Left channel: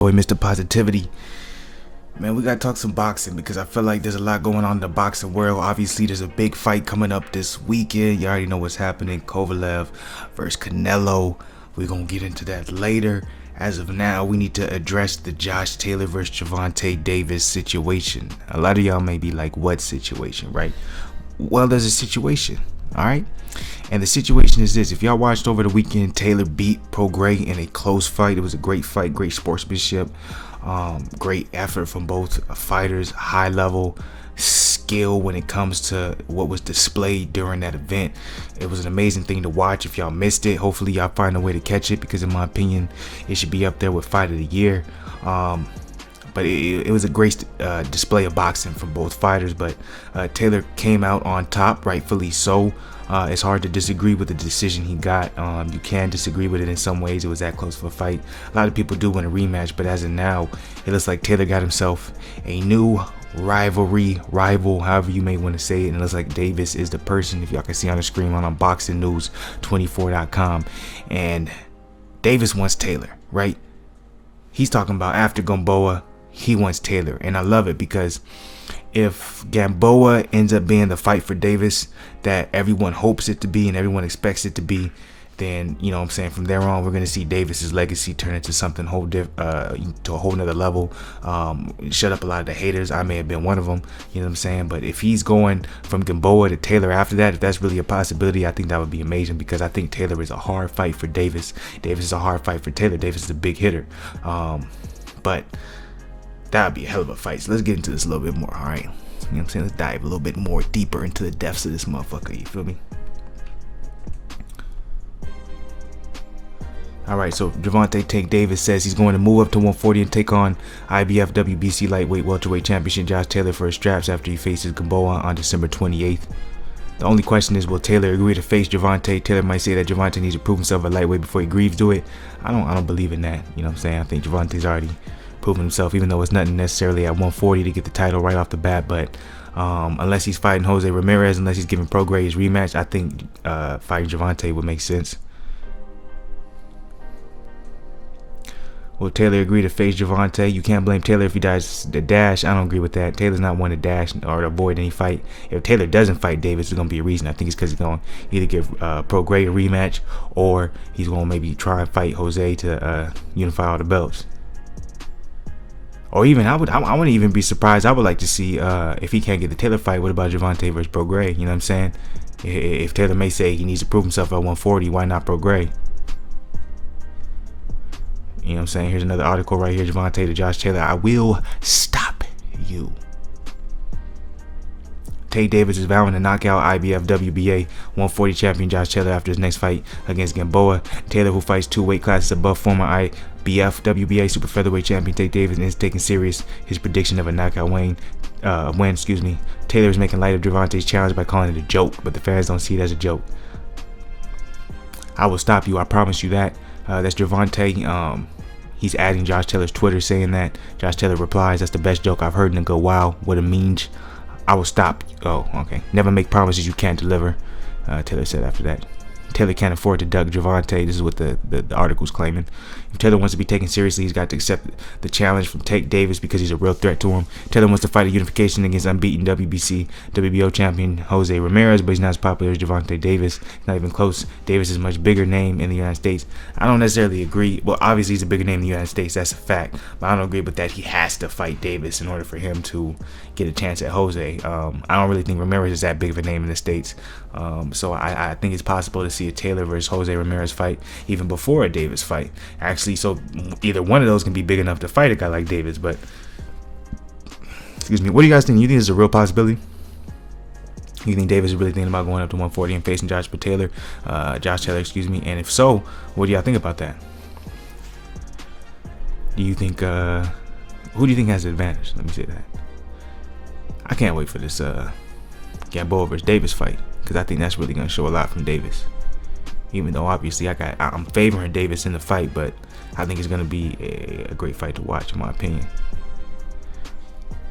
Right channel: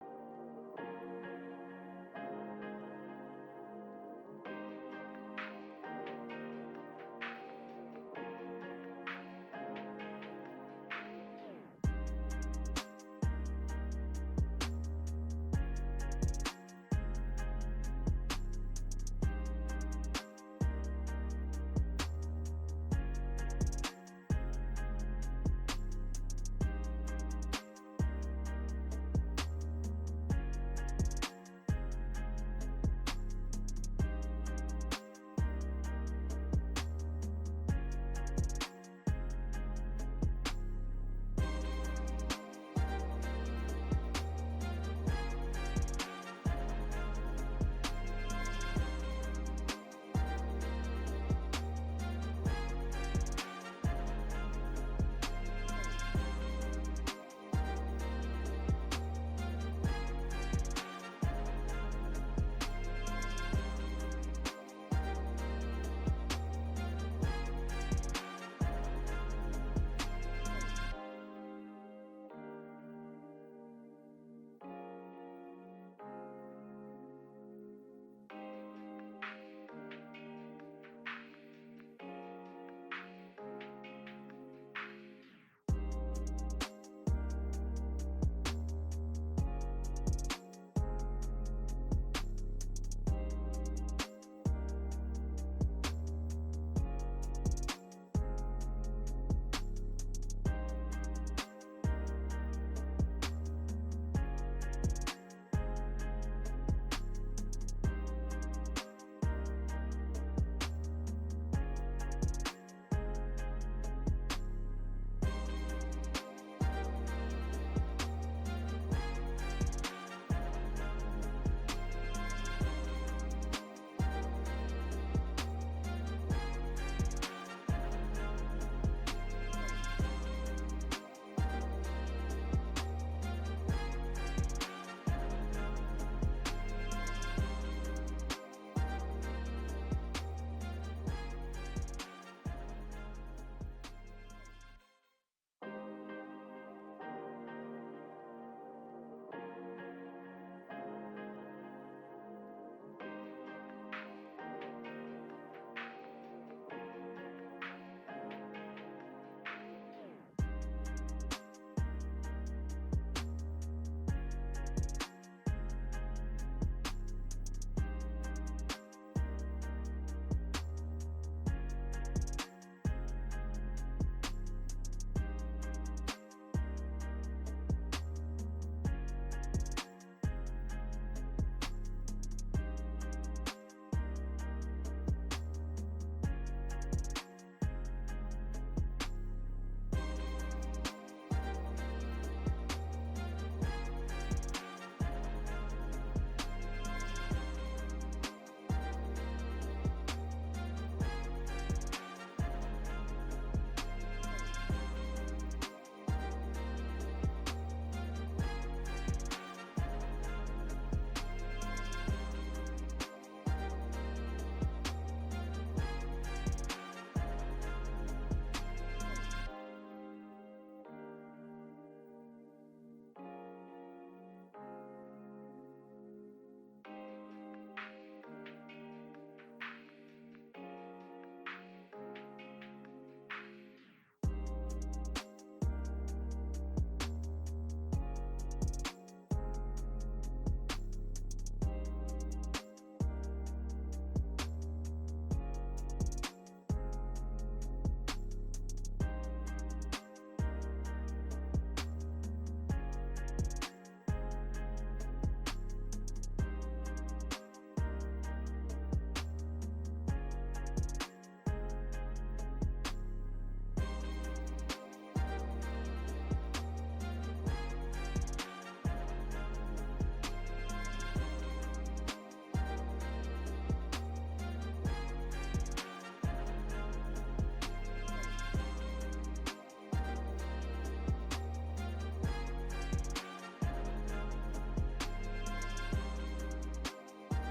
Boy, Mr. Positivity. Man, we gotta talk some boxing because I feel like there's a lot going on in the boxing world. Obviously, there's a big fight coming up this weekend. You already know what's happening. Kovalev versus Canelo. We're gonna get into that later. As of now, we need to address the Josh Taylor versus Gervonta Davis situation. A lot of y'all may be like, what situation, right? Well, there's a situation, all right? And the situation is this: if y'all watched over the weekend, Taylor beat Pro Gray in a close fight. It was a great fight, great sportsmanship, great effort from both fighters, high level skill when it comes to what was displayed during that event. It was an amazing thing to watch. If y'all missed it, hopefully y'all find a way to catch it, because in my opinion, it should be up there with Fight of the Year. But it was a great display of boxing from both fighters. But Taylor came out on top, rightfully so. It's hard to disagree with the decision he got. You can disagree with it in some ways. It was that close of a fight. A lot of people do want a rematch, but as of now, it looks like Taylor got himself a new rival, however you may want to say it. And it looks like Davis is the person, if y'all can see on the screen on BoxingNews24.com. And Davis wants Taylor, right? He's talking about after Gamboa, he wants Taylor. And I love it, because if Gamboa ends up being the fight for Davis that everyone hopes it to be and everyone expects it to be, then, you know what I'm saying, from there on, we're going to see Davis's legacy turn into something to a whole nother level. Shut up a lot of the haters. I may have been one of them, you know what I'm saying? But if he's going from Gamboa to Taylor after that, if that's really a possibility, I think that would be amazing, because I think Taylor is a hard fight for Davis. Davis is a hard fight for Taylor. Davis is a big hitter. But that would be a hell of a fight. So let's get into this a little bit more, all right? You know what I'm saying? Let's dive a little bit more deeper into the depths of this motherfucker, you feel me? All right, so Gervonta Tank Davis says he's going to move up to 140 and take on IBF WBC lightweight welterweight championship Josh Taylor for his straps after he faces Gamboa on December 28th. The only question is, will Taylor agree to face Gervonta? Taylor might say that Gervonta needs to prove himself at lightweight before he agrees to it. I don't believe in that. You know what I'm saying? I think Gervonta's already proven himself, even though it's nothing necessarily at 140 to get the title right off the bat. But unless he's fighting Jose Ramirez, unless he's giving Pro Gray his rematch, I think fighting Gervonta would make sense. Will Taylor agree to face Gervonta? You can't blame Taylor if he dies the dash. I don't agree with that. Taylor's not one to dash or to avoid any fight. If Taylor doesn't fight Davis, there's going to be a reason. I think it's because he's going to either give Pro Gray a rematch, or he's going to maybe try and fight Jose to unify all the belts. Or even, I wouldn't even be surprised. I would like to see if he can't get the Taylor fight, what about Gervonta versus Pro Gray? You know what I'm saying? If Taylor may say he needs to prove himself at 140, why not Pro Gray? You know what I'm saying? Here's another article right here. Gervonta to Josh Taylor. I will stop you. Tate Davis is vowing to knock out IBF WBA 140 champion Josh Taylor after his next fight against Gamboa. Taylor, who fights 2 weight classes above former IBF WBA super featherweight champion Tate Davis, is taking serious his prediction of a knockout win. Taylor is making light of Gervonta's challenge by calling it a joke, but the fans don't see it as a joke. I will stop you. I promise you that. That's Gervonta. He's adding Josh Taylor's Twitter, saying that. Josh Taylor replies, "That's the best joke I've heard," and go, "Wow, what a means. I will stop." Oh, okay. "Never make promises you can't deliver," Taylor said after that. Taylor can't afford to duck Gervonta. This is what the article's claiming. If Taylor wants to be taken seriously, he's got to accept the challenge from Tate Davis, because he's a real threat to him. Taylor wants to fight a unification against unbeaten WBC, WBO champion Jose Ramirez, but he's not as popular as Gervonta Davis. Not even close. Davis is a much bigger name in the United States. I don't necessarily agree. Well, obviously he's a bigger name in the United States. That's a fact. But I don't agree with that. He has to fight Davis in order for him to get a chance at Jose. I don't really think Ramirez is that big of a name in the States. So I think it's possible to see a Taylor versus Jose Ramirez fight even before a Davis fight. Actually, so either one of those can be big enough to fight a guy like Davis. But excuse me, what do you guys think? You think this is a real possibility? You think Davis is really thinking about going up to 140 and facing Josh Taylor? And if so, what do y'all think about that? Do you think who do you think has the advantage? Let me say that. I can't wait for this Gamboa versus Davis fight, because I think that's really going to show a lot from Davis. Even though obviously I'm favoring Davis in the fight, but I think it's going to be a great fight to watch, in my opinion.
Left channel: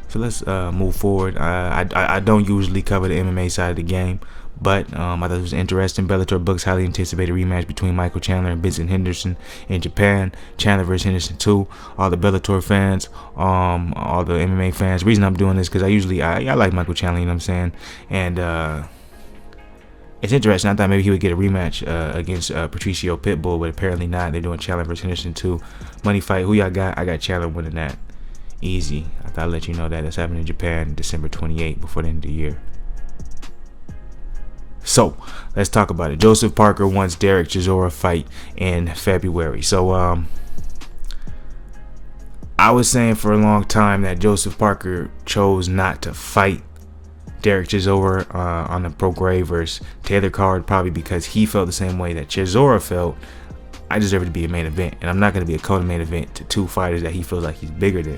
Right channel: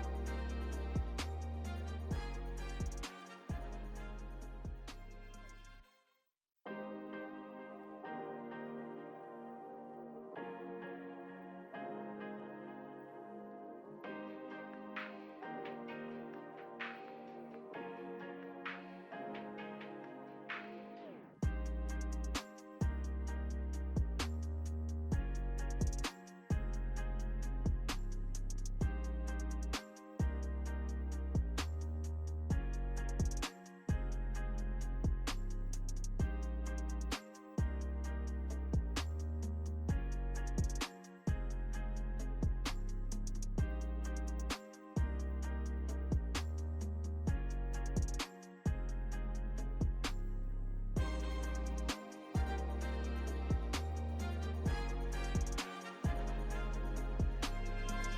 So let's move forward. I don't usually cover the MMA side of the game, But I thought it was interesting. Bellator books highly anticipated rematch between Michael Chandler and Vincent Henderson in Japan. Chandler versus Henderson 2. All the Bellator fans, all the MMA fans. The reason I'm doing this because I like Michael Chandler, you know what I'm saying? And it's interesting. I thought maybe he would get a rematch against Patricio Pitbull, but apparently not. They're doing Chandler versus Henderson 2. Money fight. Who y'all got? I got Chandler winning that. Easy. I thought I'd let you know that. It's happening in Japan December 28th before the end of the year. So let's talk about it. Joseph Parker wants Derek Chisora fight in February. So I was saying for a long time that Joseph Parker chose not to fight Derek Chisora on the Pro Gray versus Taylor card, probably because he felt the same way that Chisora felt. I deserve to be a main event, and I'm not going to be a co-main event to two fighters that he feels like he's bigger than.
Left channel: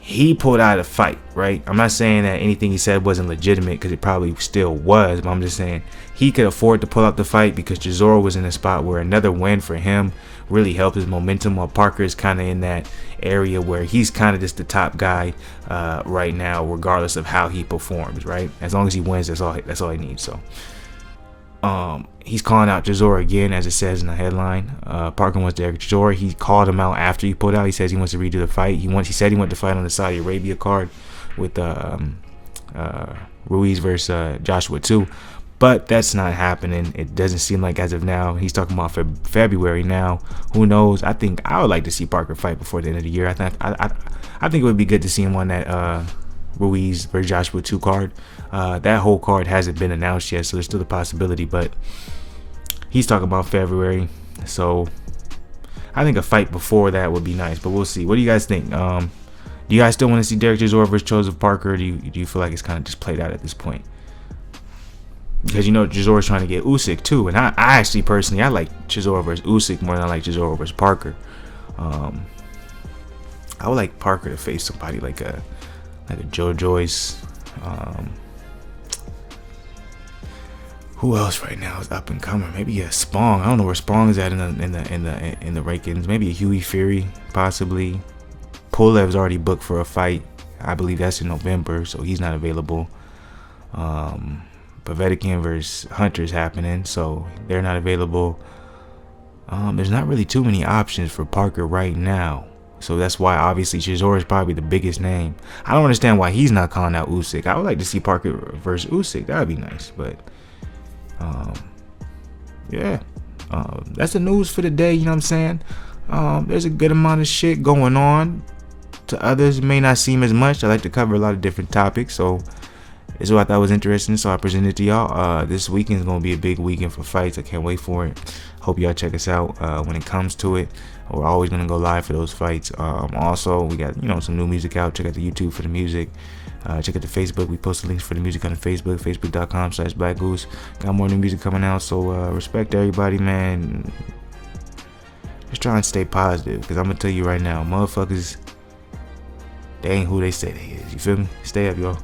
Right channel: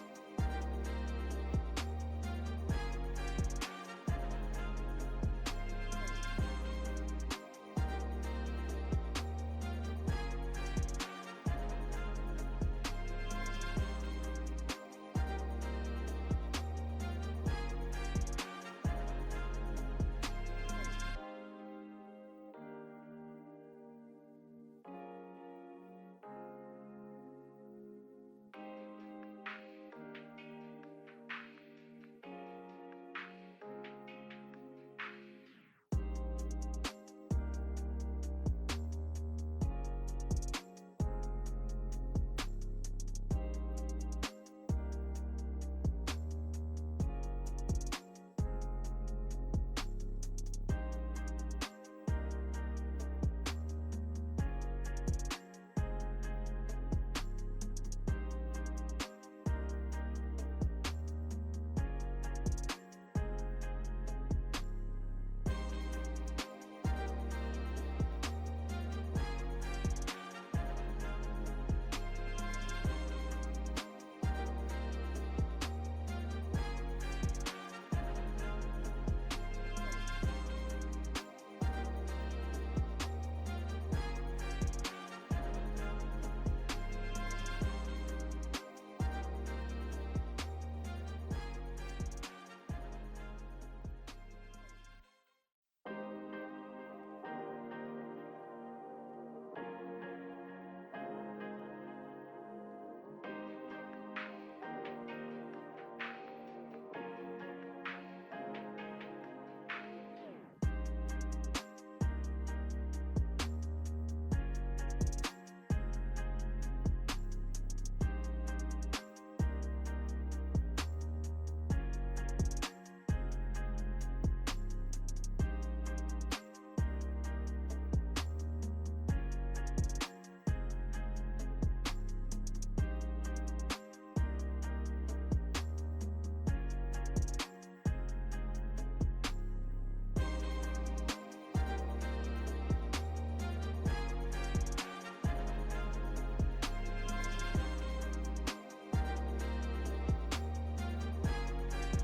He pulled out a fight, right? I'm not saying that anything he said wasn't legitimate, because it probably still was, but I'm just saying he could afford to pull out the fight because Chisora was in a spot where another win for him really helped his momentum, while Parker is kind of in that area where he's kind of just the top guy right now, regardless of how he performs, right? As long as he wins, that's all he needs. So he's calling out Chisora again, as it says in the headline. Parker wants Derek Chisora. He called him out after he pulled out. He says he wants to redo the fight. He said he wanted to fight on the Saudi Arabia card with Ruiz versus Joshua 2. But that's not happening. It doesn't seem like as of now. He's talking about February now. Who knows? I think I would like to see Parker fight before the end of the year. I think it would be good to see him on that Ruiz versus Joshua 2 card. That whole card hasn't been announced yet, so there's still a possibility. But he's talking about February, so I think a fight before that would be nice. But we'll see. What do you guys think? Do you guys still want to see Derek Chisora versus Joseph Parker? Or do you feel like it's kind of just played out at this point? Because Chisora's trying to get Usyk too, and I actually personally I like Chisora versus Usyk more than I like Chisora versus Parker. I would like Parker to face somebody like a Joe Joyce. Who else right now is up and coming? Maybe a Spong. I don't know where Spong is at in the rankings. Maybe a Huey Fury, possibly. Polev's already booked for a fight. I believe that's in November, so he's not available. Povetkin versus Hunter's happening, so they're not available. There's not really too many options for Parker right now, so that's why obviously Chisora is probably the biggest name. I don't understand why he's not calling out Usyk. I would like to see Parker versus Usyk. That would be nice, but yeah, that's the news for the day. You know what I'm saying? There's a good amount of shit going on. To others, it may not seem as much. I like to cover a lot of different topics, so this is what I thought was interesting, so I presented it to y'all. This weekend is going to be a big weekend for fights. I can't wait for it. Hope y'all check us out when it comes to it. We're always going to go live for those fights. Also, we got some new music out. Check out the YouTube for the music. Check out the Facebook. We post the links for the music on the Facebook, facebook.com/BlakGoose. Got more new music coming out, so respect to everybody, man. Just try and stay positive, because I'm going to tell you right now, motherfuckers, they ain't who they say they is. You feel me? Stay up, y'all.